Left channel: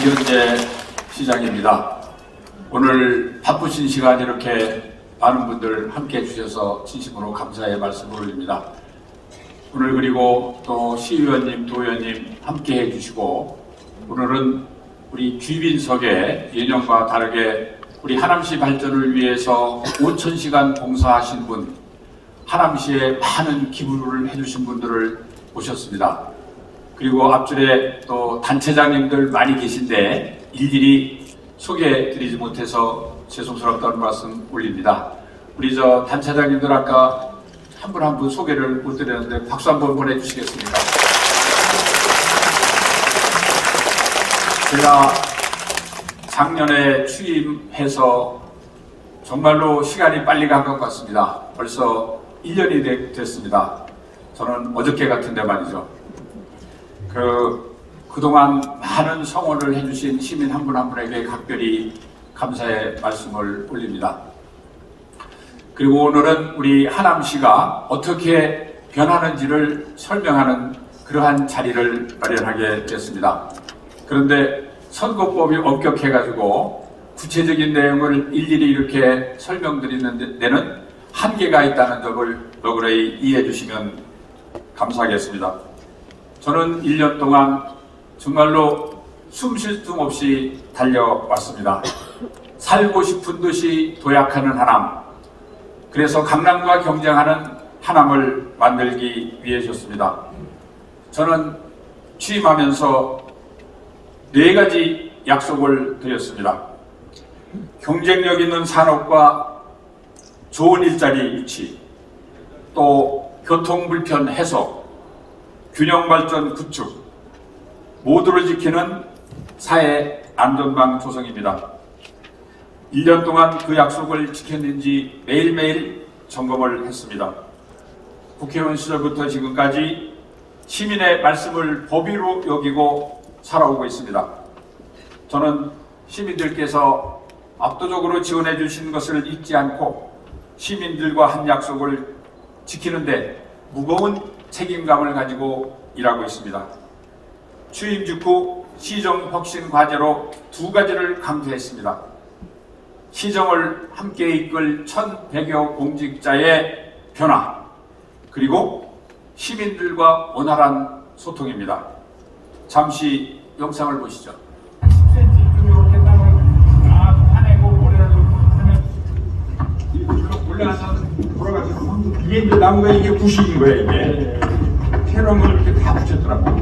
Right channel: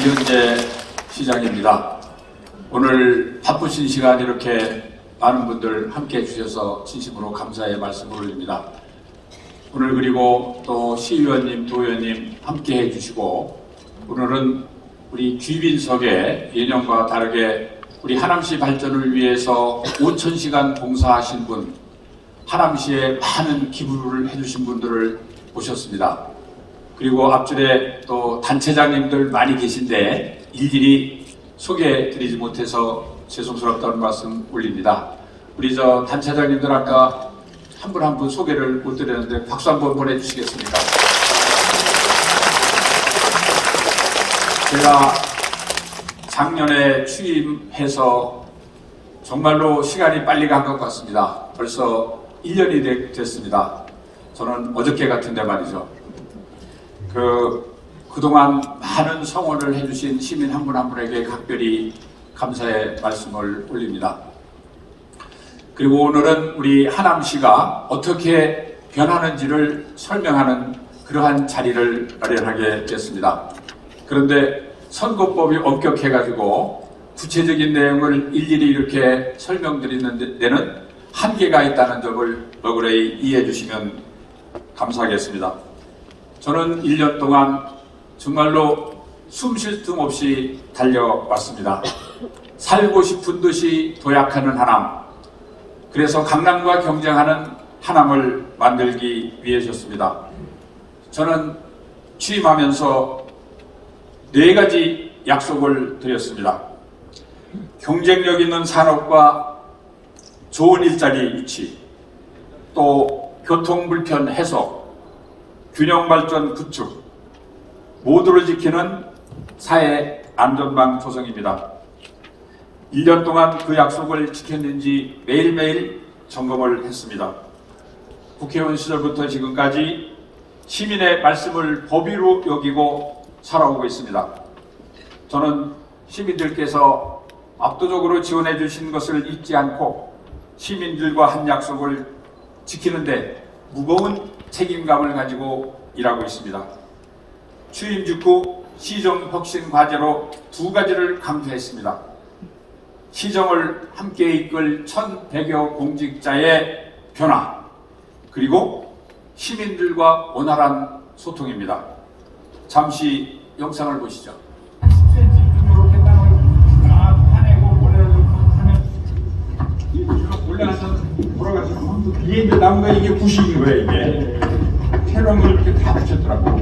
이현재 시장입니다. 오늘 바쁘신 시간 이렇게 많은 분들 함께 해주셔서 진심으로 감사의 말씀을 올립니다. 오늘 그리고 또 시의원님, 도의원님 함께 해주시고 오늘은 우리 귀빈석에 예년과 다르게 우리 하남시 발전을 위해서 5,000시간 봉사하신 분, 하남시에 많은 기부를 해주신 분들을 모셨습니다. 그리고 앞줄에 또 단체장님들 많이 계신데 일일이 소개해드리지 못해서 죄송스럽다는 말씀 올립니다. 우리 저 단체장님들 아까 한 분 한 분 소개를 못 드렸는데 박수 한번 보내주시겠습니까? 제가 작년에 취임해서 정말로 시간이 빨리 간 것 같습니다. 벌써 1년이 됐습니다. 저는 어저께 같은데 말이죠. 그동안 많은 성원을 해주신 시민 한 분 한 분에게 각별히 감사의 말씀을 올립니다. 그리고 오늘은 우리 하남시가 어떻게 변하는지를 설명하는 그러한 자리를 마련하게 됐습니다. 그런데 선거법이 엄격해가지고 구체적인 내용을 일일이 이렇게 설명드리는 데는 한계가 있다는 점을 너그러이 이해해 주시면 감사하겠습니다. 저는 1년 동안 정말로 숨 쉴 틈 없이 달려왔습니다. 살고 싶은 듯이 도약하는 하남, 그래서 강남과 경쟁하는 하남을 만들기 위해서였습니다. 저는 취임하면서 4가지 약속을 드렸습니다. 경쟁력 있는 산업과 좋은 일자리 유치, 또 교통 불편 해소, 균형 발전 구축, 모두를 지키는 사회 안전망 조성입니다. 1년 동안 그 약속을 지켰는지 매일매일 점검을 했습니다. 국회의원 시절부터 지금까지 시민의 말씀을 법의로 여기고 살아오고 있습니다. 저는 시민들께서 압도적으로 지원해 주신 것을 잊지 않고 시민들과 한 약속을 지키는데 무거운 책임감을 가지고 일하고 있습니다. 취임 직후 시정 혁신 과제로 2가지를 강조했습니다. 시정을 함께 이끌 1,100여 공직자의 변화, 그리고 시민들과 원활한 소통입니다. 잠시 영상을 보시죠. 10cm 이렇게 땅을 다 파내고 올라가서 돌아가서 이게 이제 나무가 이게 부식인 거예요. 이게 캐럼을 이렇게 다 붙였더라고.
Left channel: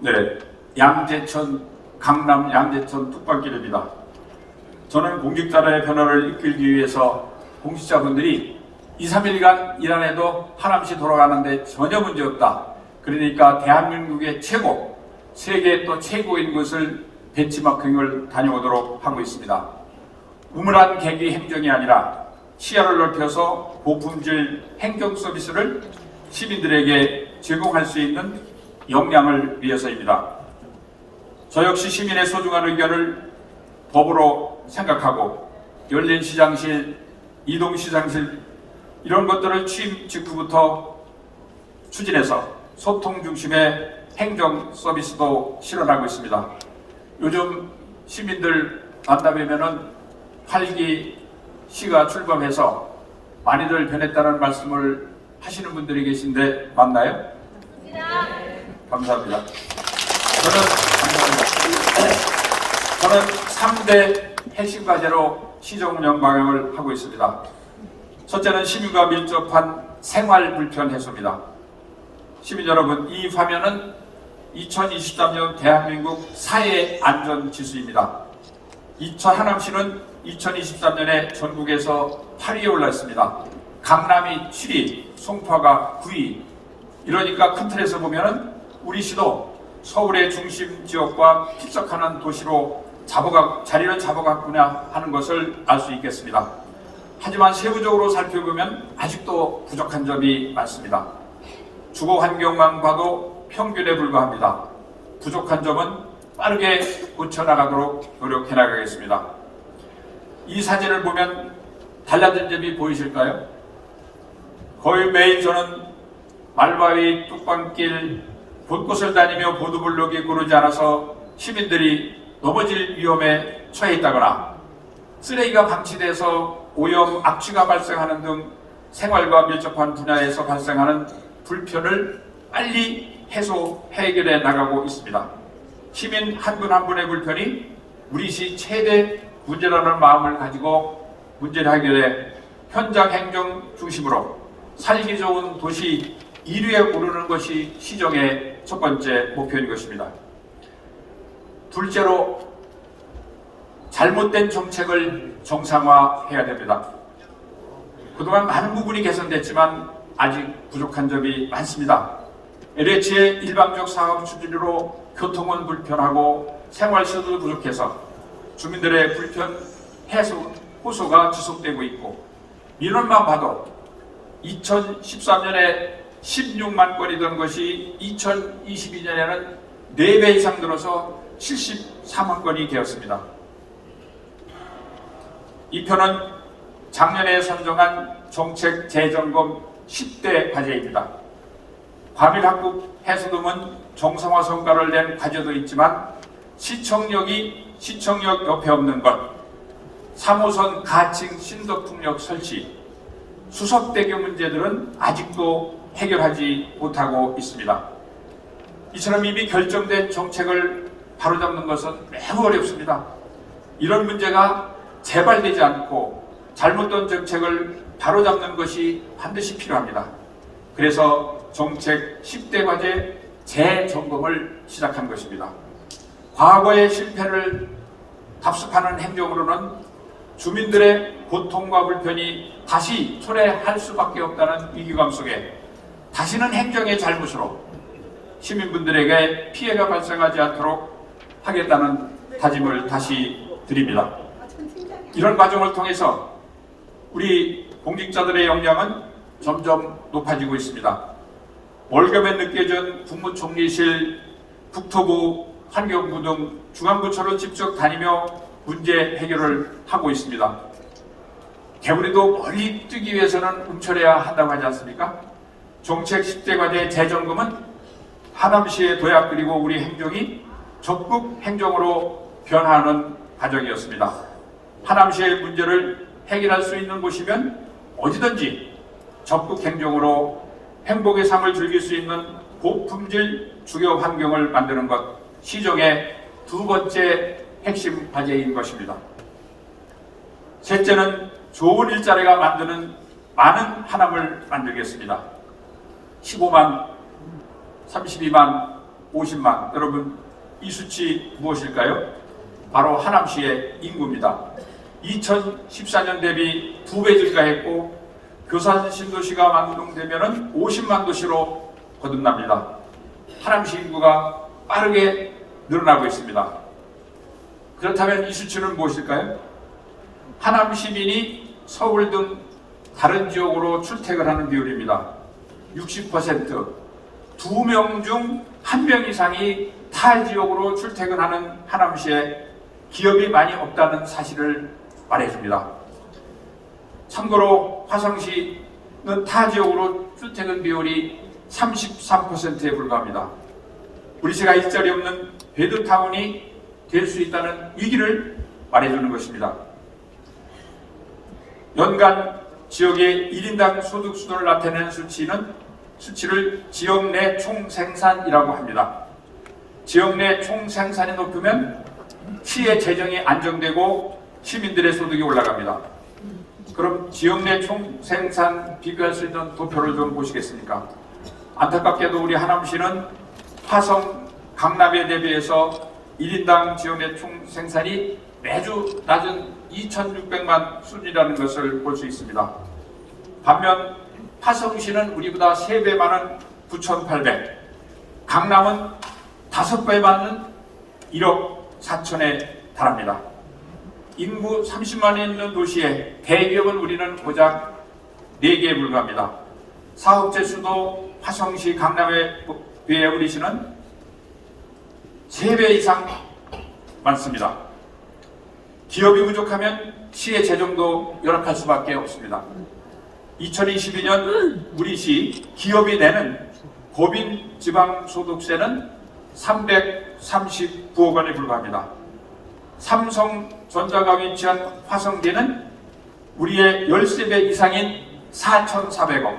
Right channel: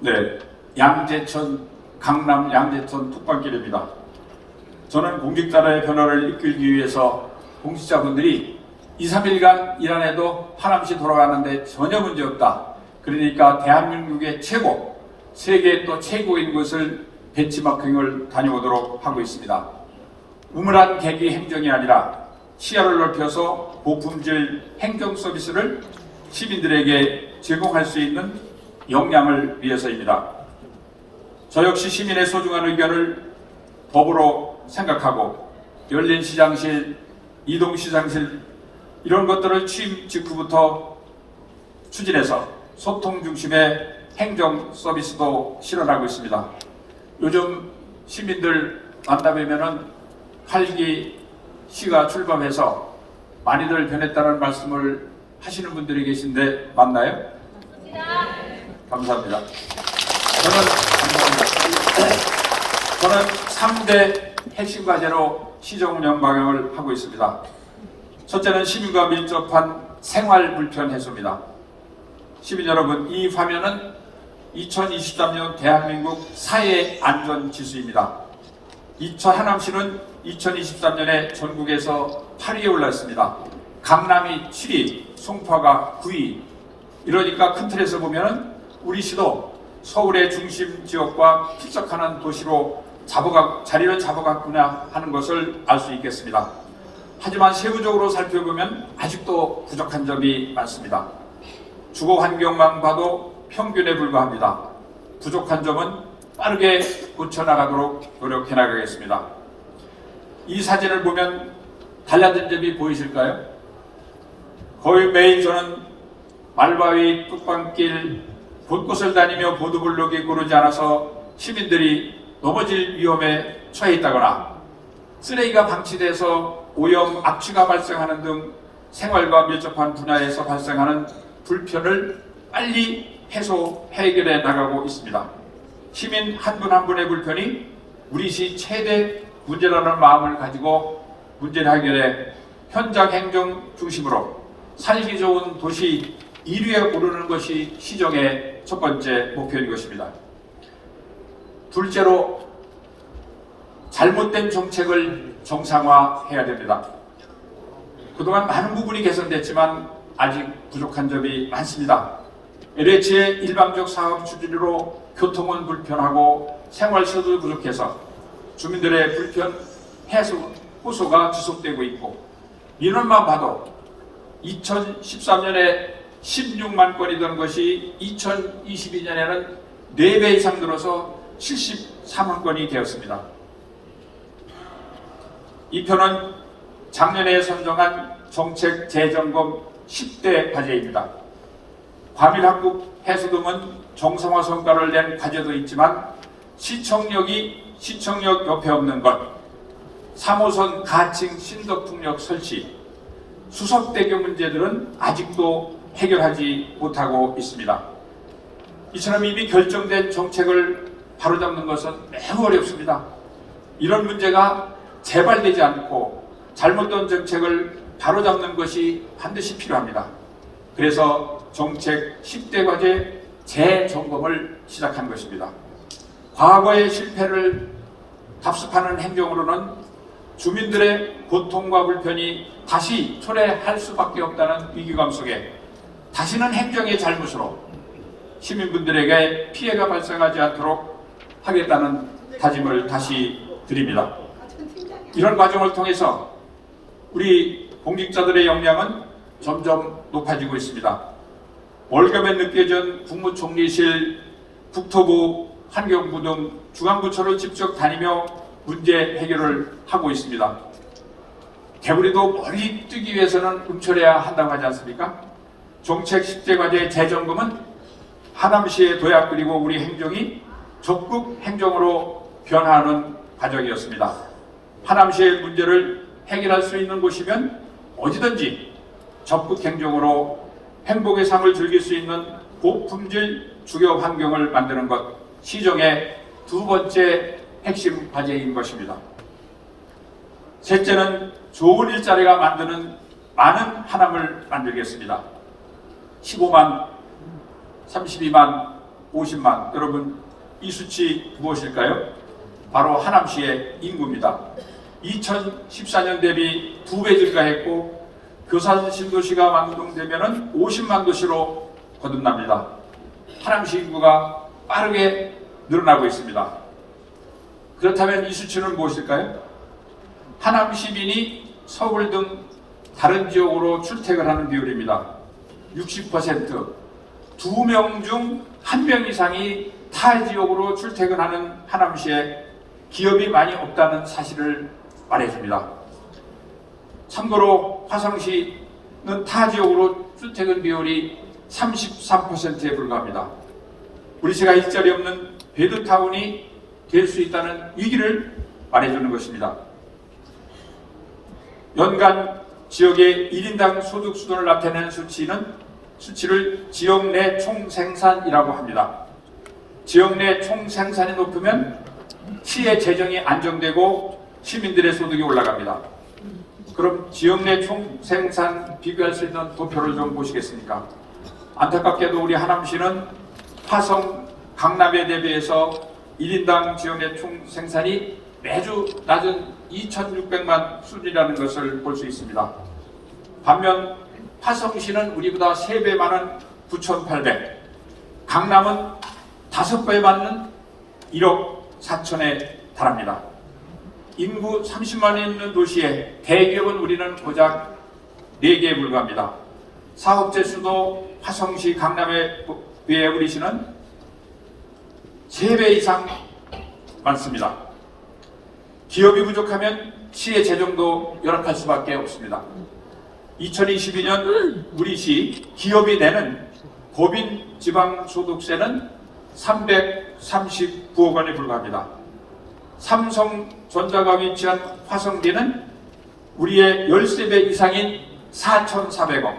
네, 양재천, 강남 양재천 뚝방길입니다. 저는 공직자의 변화를 이끌기 위해서 공직자분들이 2, 3일간 일 안 해도 하남시 돌아가는데 전혀 문제없다. 그러니까 대한민국의 최고, 세계 또 최고인 곳을 벤치마킹을 다녀오도록 하고 있습니다. 우물한 계기 행정이 아니라 시야를 넓혀서 고품질 행정 서비스를 시민들에게 제공할 수 있는 역량을 위해서입니다. 저 역시 시민의 소중한 의견을 법으로 생각하고 열린 시장실, 이동 시장실 이런 것들을 취임 직후부터 추진해서 소통 중심의 행정 서비스도 실현하고 있습니다. 요즘 시민들 만나뵈면은 8기 시가 출범해서 많이들 변했다는 말씀을 하시는 분들이 계신데 맞나요? 감사합니다. 저는 3대 핵심 과제로 시정 운영 방향을 하고 있습니다. 첫째는 시민과 밀접한 생활 불편 해소입니다. 시민 여러분, 이 화면은 2023년 대한민국 사회 안전 지수입니다. 하남시는 2023년에 전국에서 8위에 올랐습니다. 강남이 7위, 송파가 9위. 이러니까 큰 틀에서 보면은 우리 시도 서울의 중심 지역과 필적하는 도시로 자리를 잡아갔구나 하는 것을 알 수 있겠습니다. 하지만 세부적으로 살펴보면 아직도 부족한 점이 많습니다. 주거 환경만 봐도 평균에 불과합니다. 부족한 점은 빠르게 고쳐나가도록 노력해 나가겠습니다. 이 사진을 보면 달라진 점이 보이실까요? 거의 매일 저는 말바위, 뚝방길, 곳곳을 다니며 보도블록이 고르지 않아서 시민들이 넘어질 위험에 처해 있다거나 쓰레기가 방치돼서 오염, 악취가 발생하는 등 생활과 밀접한 분야에서 발생하는 불편을 빨리 해결해 나가고 있습니다. 시민 한 분 한 분의 불편이 우리 시 최대 문제라는 마음을 가지고 문제를 해결해 현장 행정 중심으로 살기 좋은 도시 1위에 오르는 것이 시정의 첫 번째 목표인 것입니다. 둘째로 잘못된 정책을 정상화해야 됩니다. 그동안 많은 부분이 개선됐지만 아직 부족한 점이 많습니다. LH의 일방적 사업 추진으로 교통은 불편하고 생활시설도 부족해서 주민들의 불편 호소가 지속되고 있고 민원만 봐도 2013년에 16만 건이던 것이 2022년에는 4배 이상 늘어서 74만 건이 되었습니다. 이 편은 작년에 선정한 정책 재점검 10대 과제입니다. 과밀학급 해소 등은 정상화 성과를 낸 과제도 있지만 시청역 옆에 없는 것, 3호선 가칭 신도풍역 설치, 수석대교 문제들은 아직도 해결하지 못하고 있습니다. 이처럼 이미 결정된 정책을 바로잡는 것은 매우 어렵습니다. 이런 문제가 재발되지 않고 잘못된 정책을 바로잡는 것이 반드시 필요합니다. 그래서 정책 10대 과제 재점검을 시작한 것입니다. 과거의 실패를 답습하는 행정으로는 주민들의 고통과 불편이 다시 초래할 수밖에 없다는 위기감 속에 다시는 행정의 잘못으로 시민분들에게 피해가 발생하지 않도록 하겠다는 다짐을 다시 드립니다. 이런 과정을 통해서 우리 공직자들의 역량은 점점 높아지고 있습니다. 월급에 느껴진 국무총리실, 국토부, 환경부 등 중앙부처를 직접 다니며 문제 해결을 하고 있습니다. 개구리도 멀리 뜨기 위해서는 움츠려야 한다고 하지 않습니까? 정책 10대 과제 재점검은 하남시의 도약 그리고 우리 행정이 적극 행정으로 변화하는 과정이었습니다. 하남시의 문제를 해결할 수 있는 곳이면 어디든지 적극 행정으로 행복의 삶을 즐길 수 있는 고품질 주거 환경을 만드는 것, 시정의 두 번째 핵심 과제인 것입니다. 셋째는 좋은 일자리가 만드는 많은 하남을 만들겠습니다. 15만, 32만, 50만. 여러분, 이 수치 무엇일까요? 바로 하남시의 인구입니다. 2014년 대비 2배 증가했고 교산 신도시가 완공되면 50만 도시로 거듭납니다. 하남시 인구가 빠르게 늘어나고 있습니다. 그렇다면 이 수치는 무엇일까요? 하남 시민이 서울 등 다른 지역으로 출퇴근하는 비율입니다. 60%, 2명 중 1명 이상이 타 지역으로 출퇴근하는 하남시에 기업이 많이 없다는 사실을 말해줍니다. 참고로 화성시는 타 지역으로 출퇴근 비율이 33%에 불과합니다. 우리 시가 일자리 없는 베드타운이 될 수 있다는 위기를 말해주는 것입니다. 연간 지역의 1인당 소득 수준을 나타내는 수치를 지역 내 총생산이라고 합니다. 지역 내 총생산이 높으면 시의 재정이 안정되고 시민들의 소득이 올라갑니다. 그럼 지역 내 총생산 비교할 수 있는 도표를 좀 보시겠습니까? 안타깝게도 우리 하남시는 화성, 강남에 대비해서 1인당 지역 내 총생산이 매주 낮은 2,600만 수준이라는 것을 볼 수 있습니다. 반면 화성시는 우리보다 3배 많은 9,800, 강남은 5배 많은 1억 4천에 달합니다. 인구 30만이 있는 도시에 대기업은 우리는 고작 4개에 불과합니다. 사업체 수도 화성시, 강남에 비해 우리 시는 3배 이상 많습니다. 기업이 부족하면 시의 재정도 열악할 수밖에 없습니다. 2022년 우리시 기업이 내는 법인 지방소득세는 339억 원에 불과합니다. 삼성전자가 위치한 화성대는 우리의 13배 이상인 4,400억,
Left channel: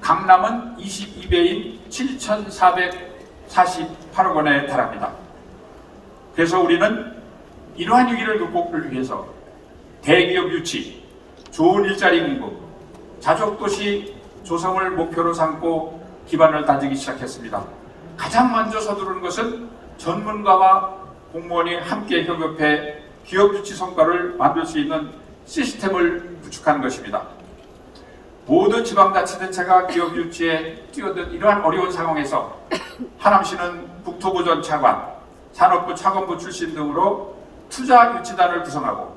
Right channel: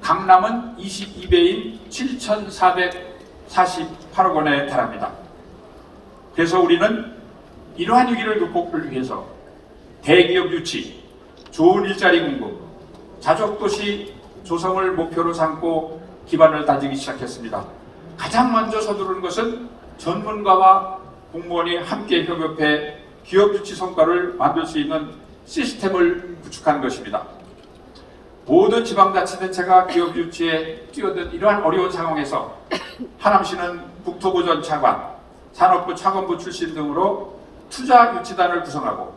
강남은 22배인 7,448억 원에 달합니다. 그래서 우리는 이러한 위기를 극복을 위해서 대기업 유치, 좋은 일자리 공급, 자족도시 조성을 목표로 삼고 기반을 다지기 시작했습니다. 가장 먼저 서두르는 것은 전문가와 공무원이 함께 협업해 기업 유치 성과를 만들 수 있는 시스템을 구축한 것입니다. 모든 지방자치단체가 기업 유치에 뛰어든 이러한 어려운 상황에서 하남시는 국토부 전 차관, 산업부 차관부 출신 등으로 투자 유치단을 구성하고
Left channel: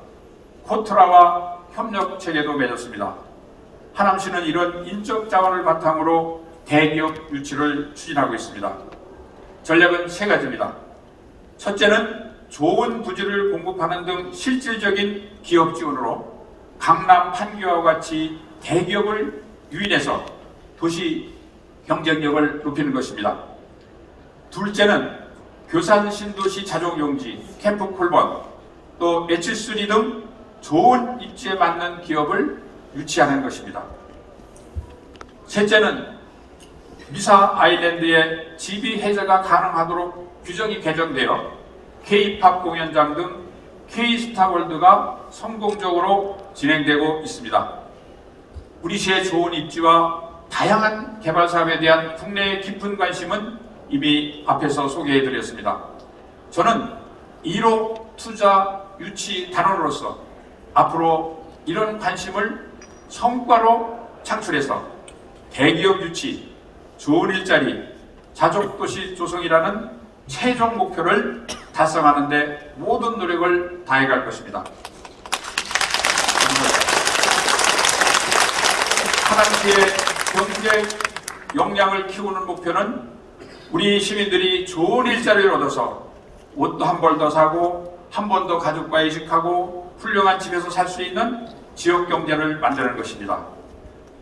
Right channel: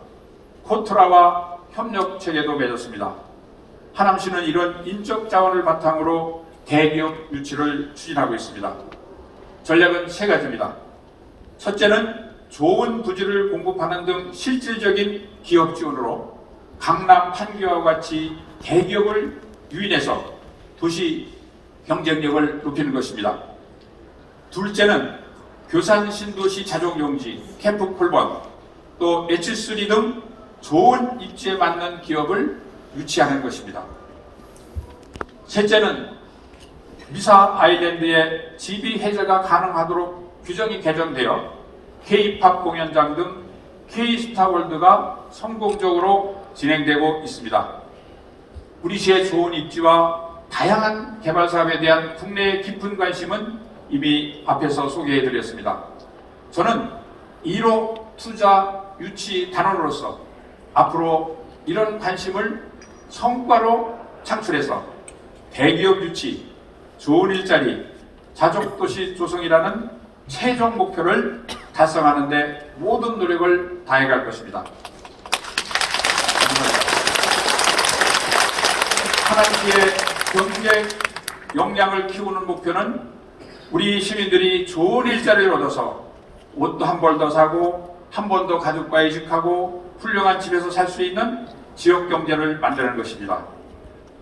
코트라와 협력 체계도 맺었습니다. 하남시는 이런 인적 자원을 바탕으로 대기업 유치를 추진하고 있습니다. 전략은 세 가지입니다. 첫째는 좋은 부지를 공급하는 등 실질적인 기업 지원으로 강남 판교와 같이 대기업을 유인해서 도시 경쟁력을 높이는 것입니다. 둘째는 교산 신도시 자족용지, 캠프 콜번, 또 H3 등 좋은 입지에 맞는 기업을 유치하는 것입니다. 셋째는 미사 아일랜드의 지비 해제가 가능하도록 규정이 개정되어 K-팝 공연장 등 K-스타월드가 성공적으로 진행되고 있습니다. 우리 시의 좋은 입지와 다양한 개발 사업에 대한 국내의 깊은 관심은 이미 앞에서 소개해드렸습니다. 저는 1호 투자 유치 단원으로서 앞으로 이런 관심을 성과로 창출해서 대기업 유치, 좋은 일자리, 자족도시 조성이라는 최종 목표를 달성하는 데 모든 노력을 다해갈 것입니다. 하남시의 경제 역량을 키우는 목표는 우리 시민들이 좋은 일자리를 얻어서 옷도 한 벌 더 사고 한 번 더 가족과 이식하고 훌륭한 집에서 살 수 있는 지역 경제를 만드는 것입니다.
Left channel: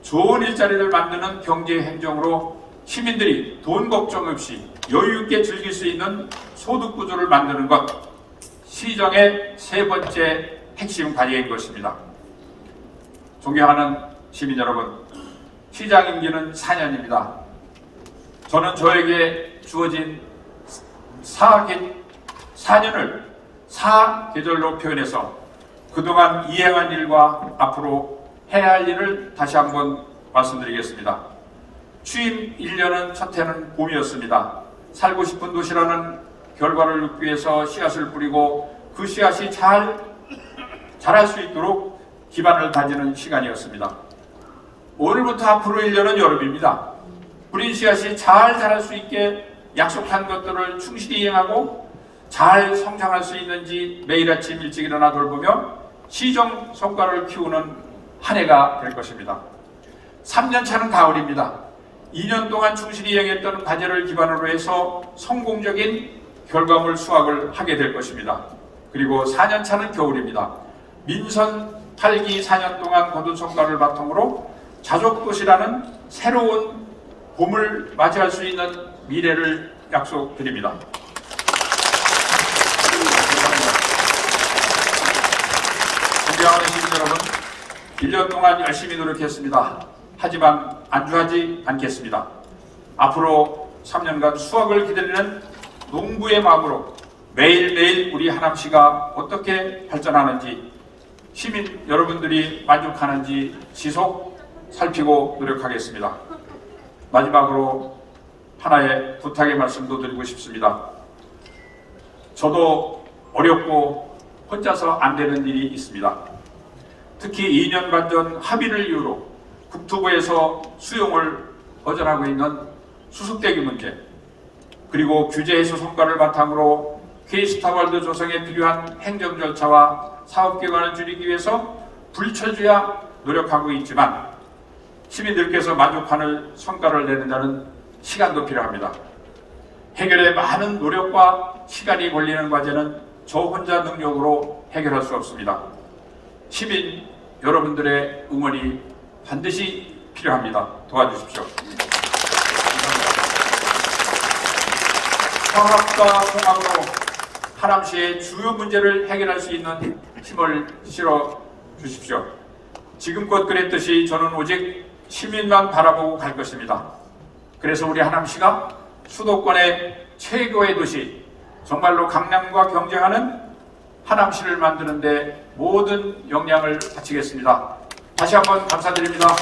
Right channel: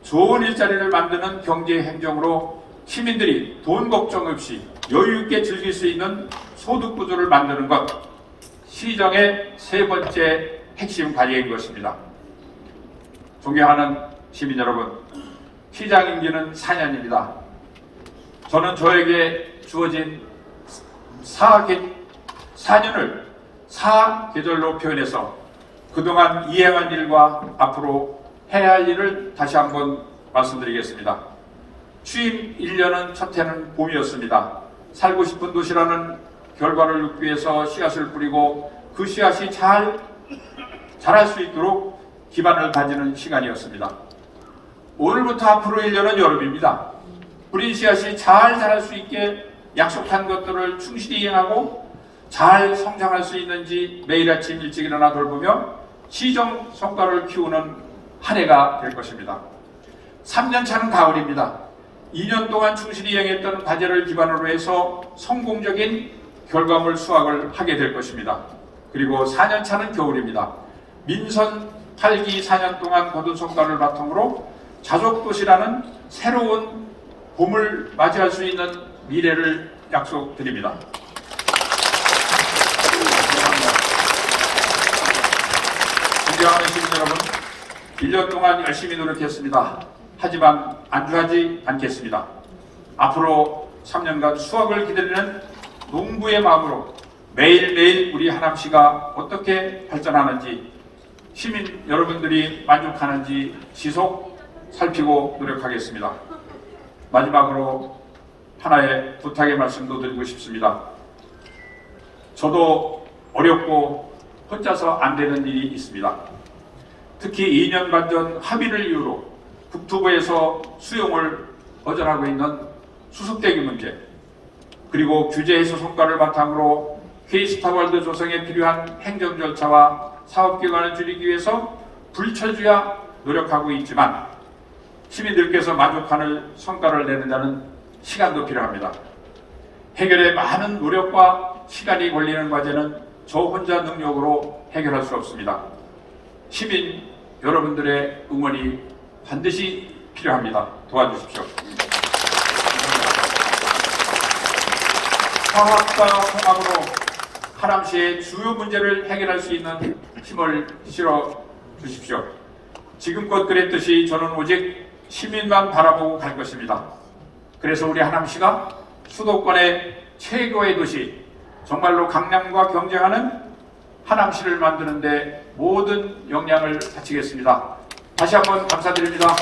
좋은 일자리를 만드는 경제 행정으로 시민들이 돈 걱정 없이 여유 있게 즐길 수 있는 소득 구조를 만드는 것, 시정의 세 번째 핵심 과제인 것입니다. 존경하는 시민 여러분, 시장 임기는 4년입니다. 저는 저에게 주어진 4년을 4계절로 표현해서 그동안 이행한 일과 앞으로 해야 할 일을 다시 한번 말씀드리겠습니다. 취임 1년은 첫 해는 봄이었습니다. 살고 싶은 도시라는 결과를 얻기 위해서 씨앗을 뿌리고 그 씨앗이 자랄 수 있도록 기반을 다지는 시간이었습니다. 오늘부터 앞으로 1년은 여름입니다. 뿌린 씨앗이 잘 자랄 수 있게 약속한 것들을 충실히 이행하고 잘 성장할 수 있는지 매일 아침 일찍 일어나 돌보며 시정 성과를 키우는 한 해가 될 것입니다. 3년 차는 가을입니다. 2년 동안 충실히 이행했던 과제를 기반으로 해서 성공적인 결과물 수확을 하게 될 것입니다. 그리고 4년 차는 겨울입니다. 민선 8기 4년 동안 거둔 성과를 바탕으로 자족도시라는 새로운 봄을 맞이할 수 있는 미래를 약속드립니다. 존경하는 시민 여러분, 1년 동안 열심히 노력했습니다. 하지만 안주하지 않겠습니다. 앞으로 3년간 수확을 기다리는 농부의 마음으로 매일매일 우리 하남시가 어떻게 발전하는지, 시민 여러분들이 만족하는지 지속 살피고 노력하겠습니다. 마지막으로 하나의 부탁의 말씀도 드리고 싶습니다. 저도 어렵고 혼자서 안 되는 일이 있습니다. 특히 2년 반 전 합의를 이유로 국토부에서 수용을 거절하고 있는 수습대기 문제, 그리고 규제 해소 성과를 바탕으로 K-스타월드 조성에 필요한 행정 절차와 사업기관을 줄이기 위해서 불철주야 노력하고 있지만 시민들께서 만족하는 성과를 내는 데는 시간도 필요합니다. 해결에 많은 노력과 시간이 걸리는 과제는 저 혼자 능력으로 해결할 수 없습니다. 시민 여러분들의 응원이 반드시 필요합니다. 도와주십시오. 화학과 통합으로 하남시의 주요 문제를 해결할 수 있는 힘을 실어 주십시오. 지금껏 그랬듯이 저는 오직 시민만 바라보고 갈 것입니다. 그래서 우리 하남시가 수도권의 최고의 도시, 정말로 강남과 경쟁하는 하남시를 만드는 데 모든 역량을 바치겠습니다. 다시 한번 감사드립니다.